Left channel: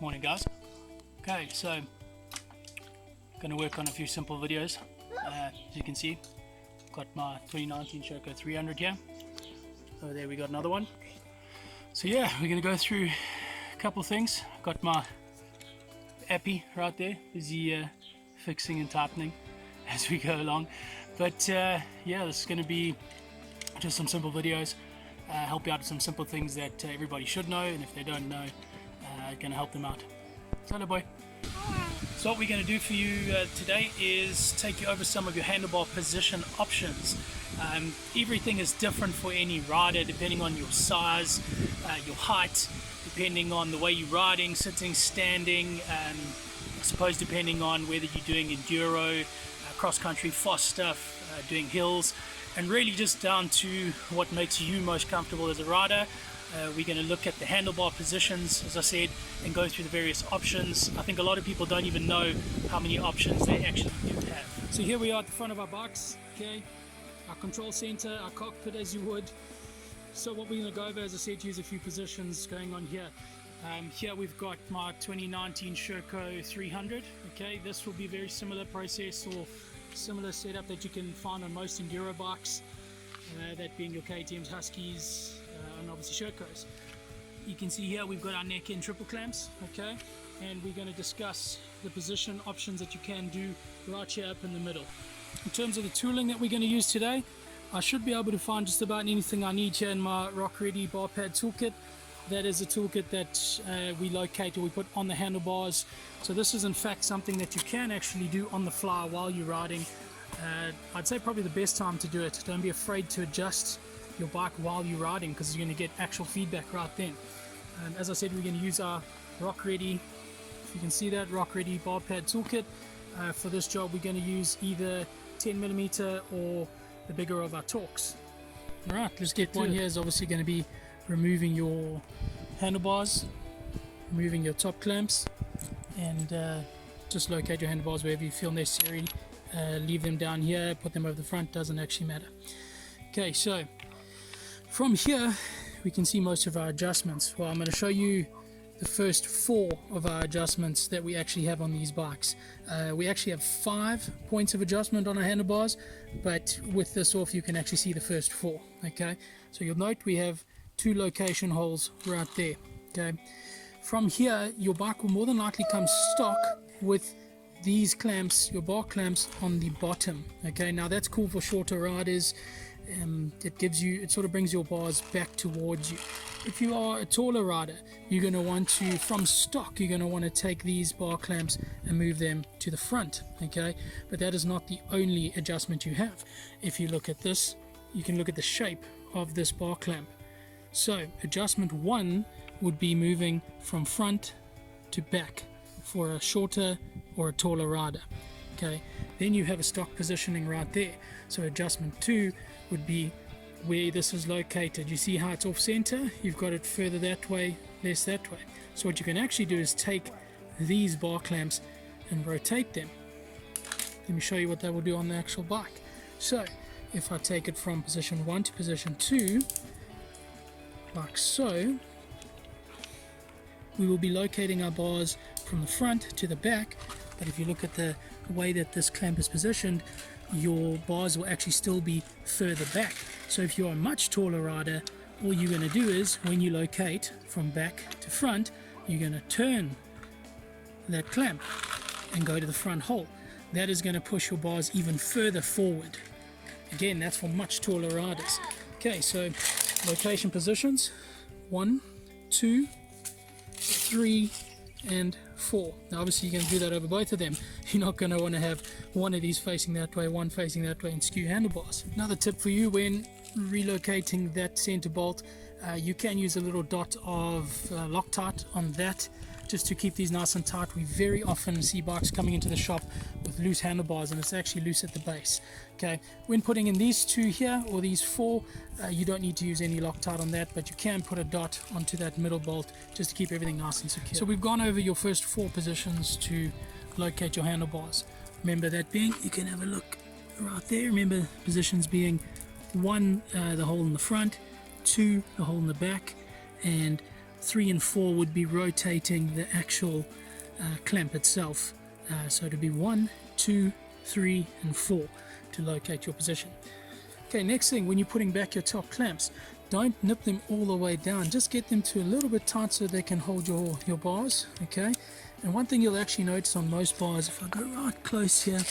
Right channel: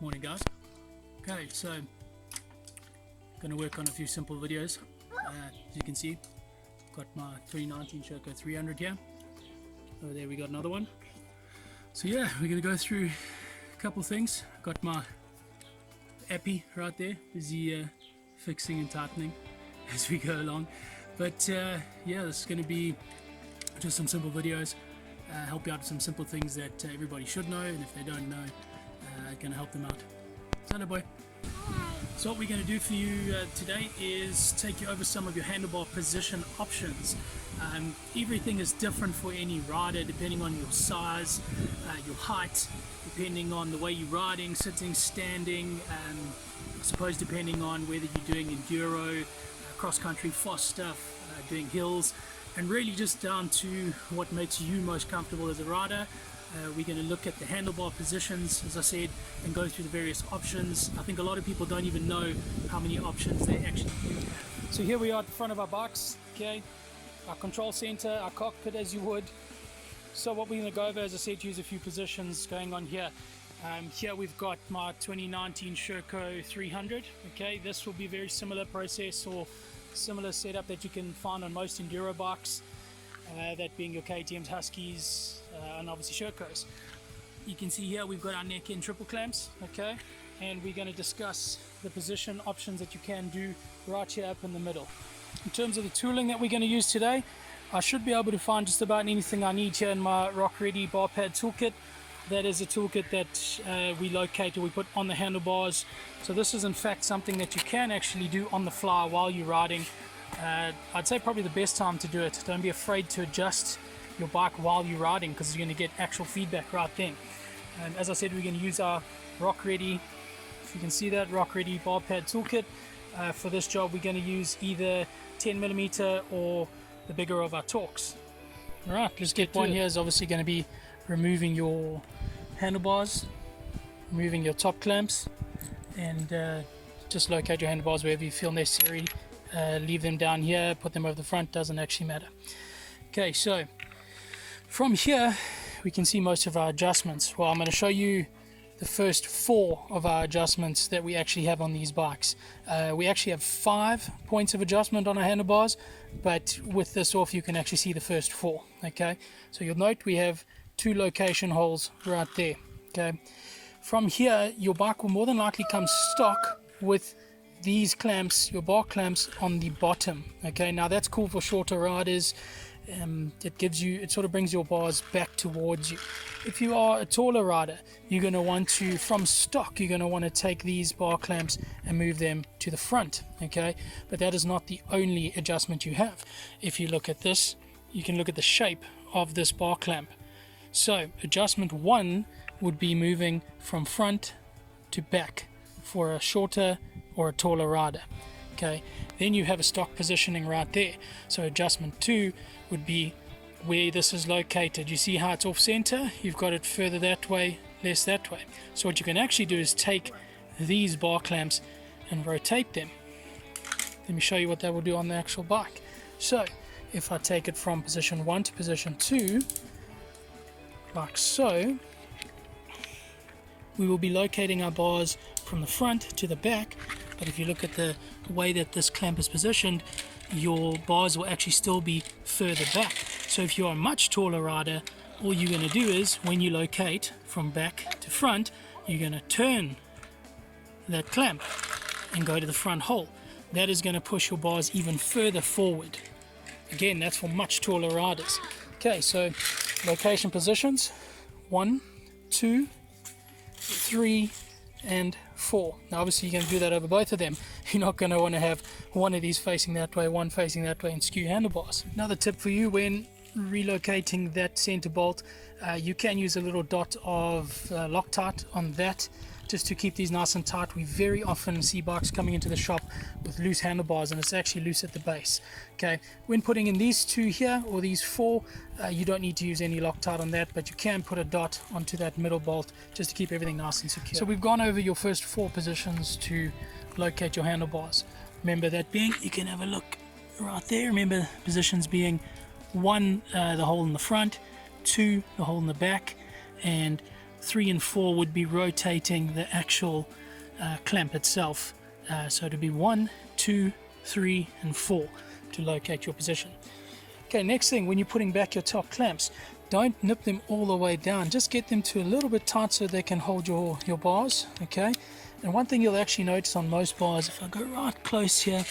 Morning guys. Okay, so going to work on a few simple videos. As you can see, got my 2019 SHERCO 300 here. Over there we got another one. So yeah, we're going to go through a couple things. Got my appy right there, busy fixing and tightening as we go along. But yeah, this is going to be just some simple videos, help you out with some simple things that everybody should know, and if they don't know, going to help them out. So hello boy. So what we're going to do for you today is take you over some of your handlebar position options. Everything is different for any rider depending on your size, your height, depending on the way you're riding, sitting, standing, I suppose depending on whether you're doing enduro, cross-country, fast stuff, doing hills, and really just down to what makes you most comfortable as a rider. We're going to look at the handlebar positions, as I said, and go through the various options. I think a lot of people don't even know how many options they actually do have. So here we are at the front of our bikes, okay, our control center, our cockpit as you would. So what we're going to go over, as I said, use a few positions going on here. Here we've got my 2019 SHERCO 300, okay, this will be a very similar process or similar setup that you can find on most enduro bikes, that being your KTMs, Huskies, and obviously SHERCOs. You can see here we've got our neck and triple clamps, okay, and we're going to discuss the position options that you can do right here up in the middle. In terms of the tooling that we're going to use today, I should be able to find just about anything I need here in my Rock Ready bar pad toolkit. That is a toolkit that we locate or we put on the handlebars. So this is in fact something that you can actually do on the fly while you're riding. I'd say probably the best time to do it. Don't be afraid to adjust your bike while you're riding, because you're going to get actual feedback right then. And as I said, we're going to use our Rock Ready, if you can see that, Rock Ready bar pad toolkit. For this job we're going to use either 10mm or the bigger of our Torx. Alright, let's get one. Here is obviously going to be removing your handlebars, removing your top clamps, and just locate your handlebars wherever you feel necessary. Leave them down here, put them over the front, doesn't actually matter. Okay, so from here we can see most of our adjustments. Well, I'm going to show you the first 4 of our adjustments that we actually have on these bikes. We actually have 5 points of adjustment on our handlebars, but with this off you can actually see the first 4. Okay, so you'll note we have 2 location holes right there. Okay, from here your bike will more than likely come stock with these clamps, your bar clamps on the bottom. Okay, now that's cool for shorter riders. It sort of brings your bars back towards you. If you are a taller rider, you're going to want to, from stock, you're going to want to take these bar clamps and move them to the front. Okay, but that is not the only adjustment you have. If you look at this, you can look at the shape of this bar clamp. So adjustment 1 would be moving from front to back for a shorter or a taller rider. Okay, then you have a stock positioning right there. So adjustment 2 would be where this is located. You see how it's off center? You've got it further that way, less that way. So what you can actually do is take these bar clamps and rotate them. Let me show you what that will do on the actual bike. So if I take it from position 1 to position 2, like so, we will be locating our bars from the front to the back. But if you look at the way that this clamp is positioned, your bars will actually still be further back. So if you're a much taller rider, all you're going to do is, when you locate from back to front, you're going to turn that clamp and go to the front hole. That is going to push your bars even further forward. Again, that's for much taller riders. Okay, so location positions 1, 2, 3 and 4. Now obviously you're going to do that over both of them. You're not going to want to have one of these facing that way, one facing that way, and skew handlebars. Another tip for you when relocating that center bolt, you can use a little dot of Loctite on that, just to keep these nice and tight. We very often see bikes coming into the shop with loose handlebars, and it's actually loose at the base. Okay, when putting in these 2 here, or these 4, you don't need to use any Loctite on that, but you can put a dot onto that middle bolt just to keep everything nice and secure. So we've gone over your first 4 positions to locate your handlebars. Remember that being, you can have a look right there. Remember positions being 1, the hole in the front, 2, the hole in the back, and 3 and 4 would be rotating the actual clamp itself. So it would be 1, 2, 3 and 4 to locate your position. Okay, next thing, when you're putting back your top clamps, don't nip them all the way down. Just get them to a little bit tight so they can hold your bars, okay? And one thing you'll actually notice on most bars, if I go right close here,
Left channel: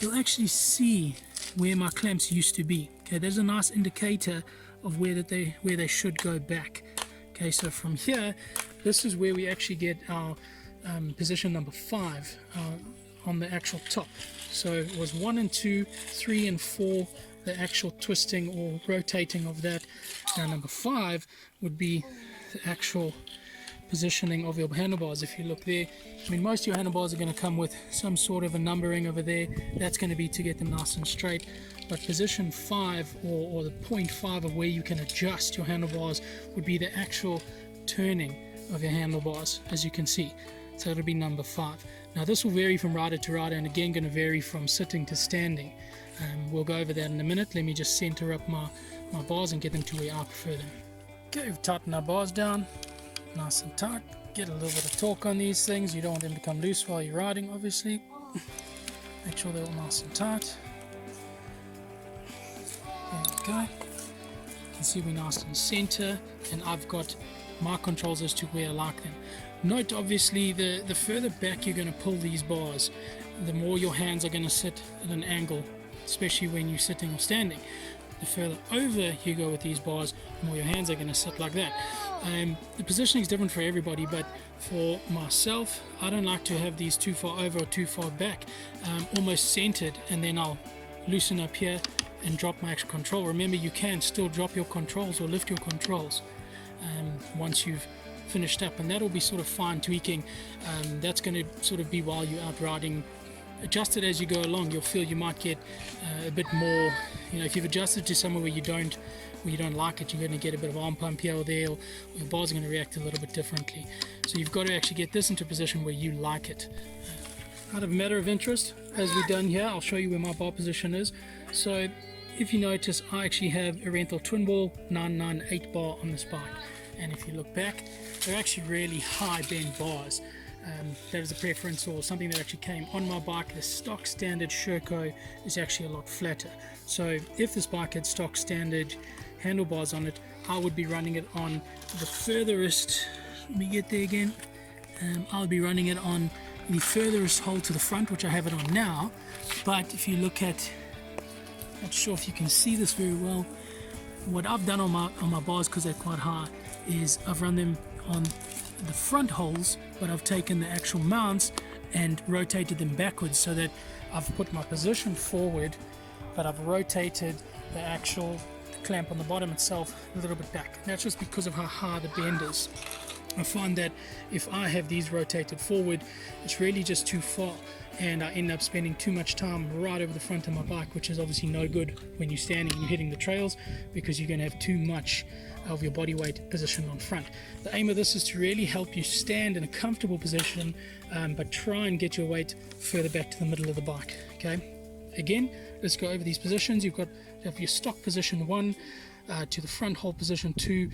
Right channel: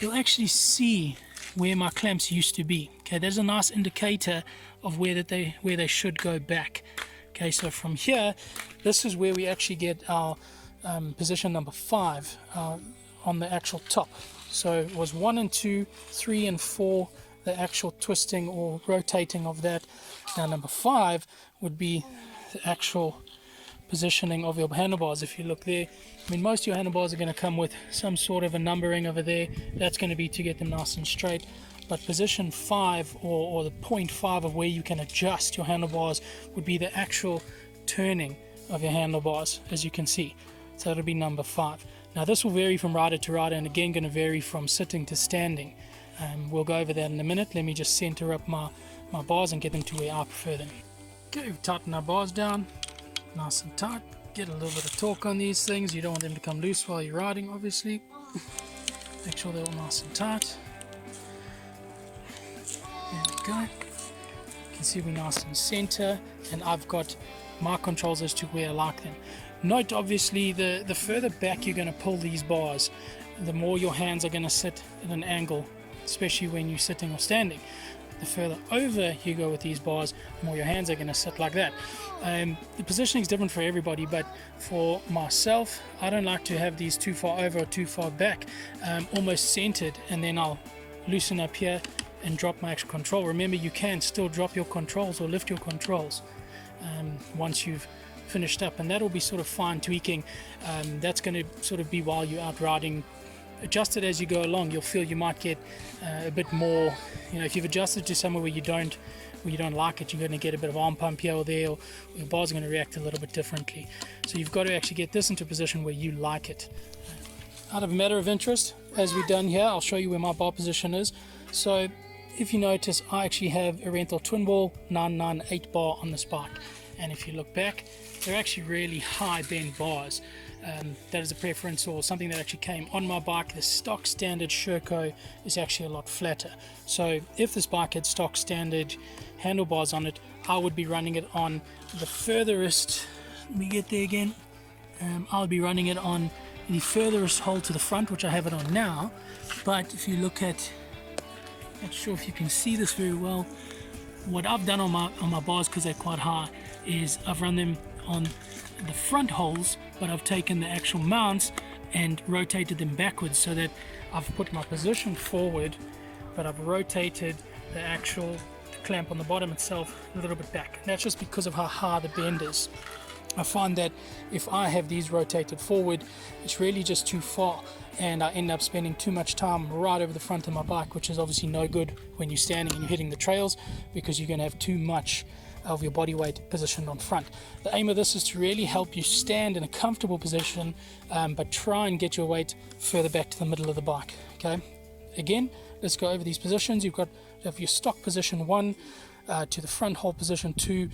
you'll actually see where my clamps used to be. Okay, there's a nice indicator of where they should go back. Okay, so from here, this is where we actually get our position number 5 on the actual top. So it was 1 and 2, 3 and 4, the actual twisting or rotating of that. Now number 5 would be the actual positioning of your handlebars. If you look there, I mean, most of your handlebars are going to come with some sort of a numbering over there. That's going to be to get them nice and straight. But position 5 or the 0.5 of where you can adjust your handlebars would be the actual turning of your handlebars, as you can see. So it'll be number 5. Now this will vary from rider to rider, and again going to vary from sitting to standing. We'll go over that in a minute. Let me just center up my bars and get them to where I prefer them. Okay, we've tightened our bars down nice and tight. Get a little bit of torque on these things. You don't want them to come loose while you're riding, obviously. Make sure they're all nice and tight. There we go. You can see we're nice and center, and I've got my controls as to where I like them. Note, obviously, the further back you're going to pull these bars, the more your hands are going to sit at an angle, especially when you're sitting or standing. The further over you go with these bars, the more your hands are going to sit like that. The positioning is different for everybody, but for myself, I don't like to have these too far over or too far back, almost centered, and then I'll loosen up here and drop my actual control. Remember, you can still drop your controls or lift your controls once you've finished up, and that'll be sort of fine tweaking. That's going to sort of be while you're out riding. Adjust it as you go along. You'll feel you might get a bit more, if you've adjusted to somewhere where you don't like it, you're going to get a bit of arm pump here or there, or your bars are going to react a little bit differently. So you've got to actually get this into a position where you like it. Out of matter of interest, as we've done here, I'll show you where my bar position is. So if you notice, I actually have a rental twin ball 998 bar on this bike, and if you look back, they're actually really high bend bars. That is a preference or something that actually came on my bike. The stock standard SHERCO is actually a lot flatter. So if this bike had stock standard handlebars on it, I would be running it on the furthest, let me get there again, I'll be running it on the furthest hole to the front, which I have it on now. But if you look at, not sure if you can see this very well, what I've done on my bars, because they're quite high, is I've run them on the front holes, but I've taken the actual mounts and rotated them backwards, so that I've put my position forward, but I've rotated the actual clamp on the bottom itself a little bit back. And that's just because of how high the bend is. I find that if I have these rotated forward, it's really just too far, and I end up spending too much time right over the front of my bike, which is obviously no good when you're standing and you're hitting the trails, because you're going to have too much of your body weight positioned on front. The aim of this is to really help you stand in a comfortable position, but try and get your weight further back to the middle of the bike. Okay, again, let's go over these positions. You've got your stock position 1 to the front hole position 2.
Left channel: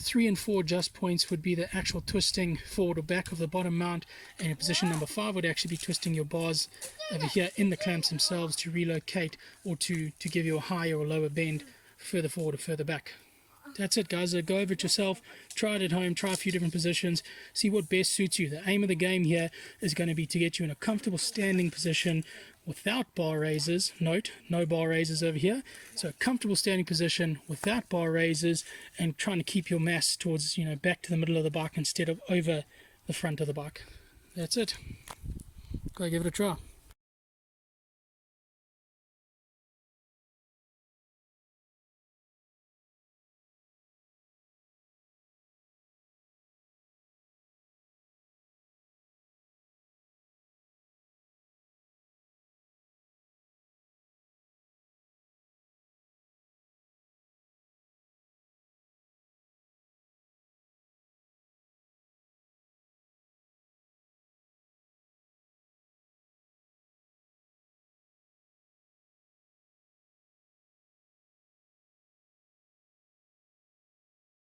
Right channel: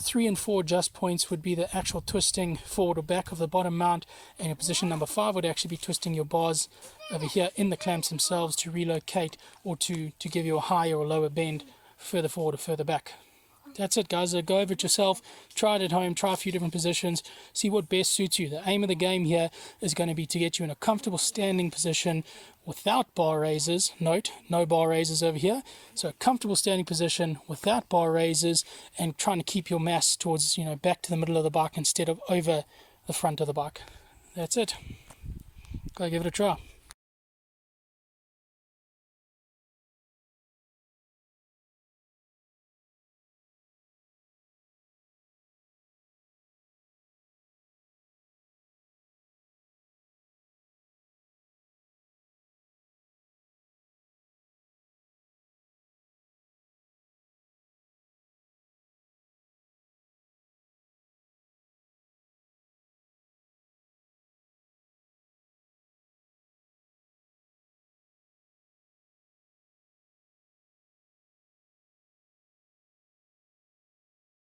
3 and 4 adjust points would be the actual twisting forward or back of the bottom mount, and your position number 5 would actually be twisting your bars over here in the clamps themselves to relocate or to give you a higher or lower bend further forward or further back. That's it, guys. Go over it yourself, try it at home, try a few different positions, see what best suits you. The aim of the game here is going to be to get you in a comfortable standing position without bar raises. Note, no bar raises over here. So a comfortable standing position without bar raises, and trying to keep your mass towards, back to the middle of the bike instead of over the front of the bike. That's it. Go give it a try.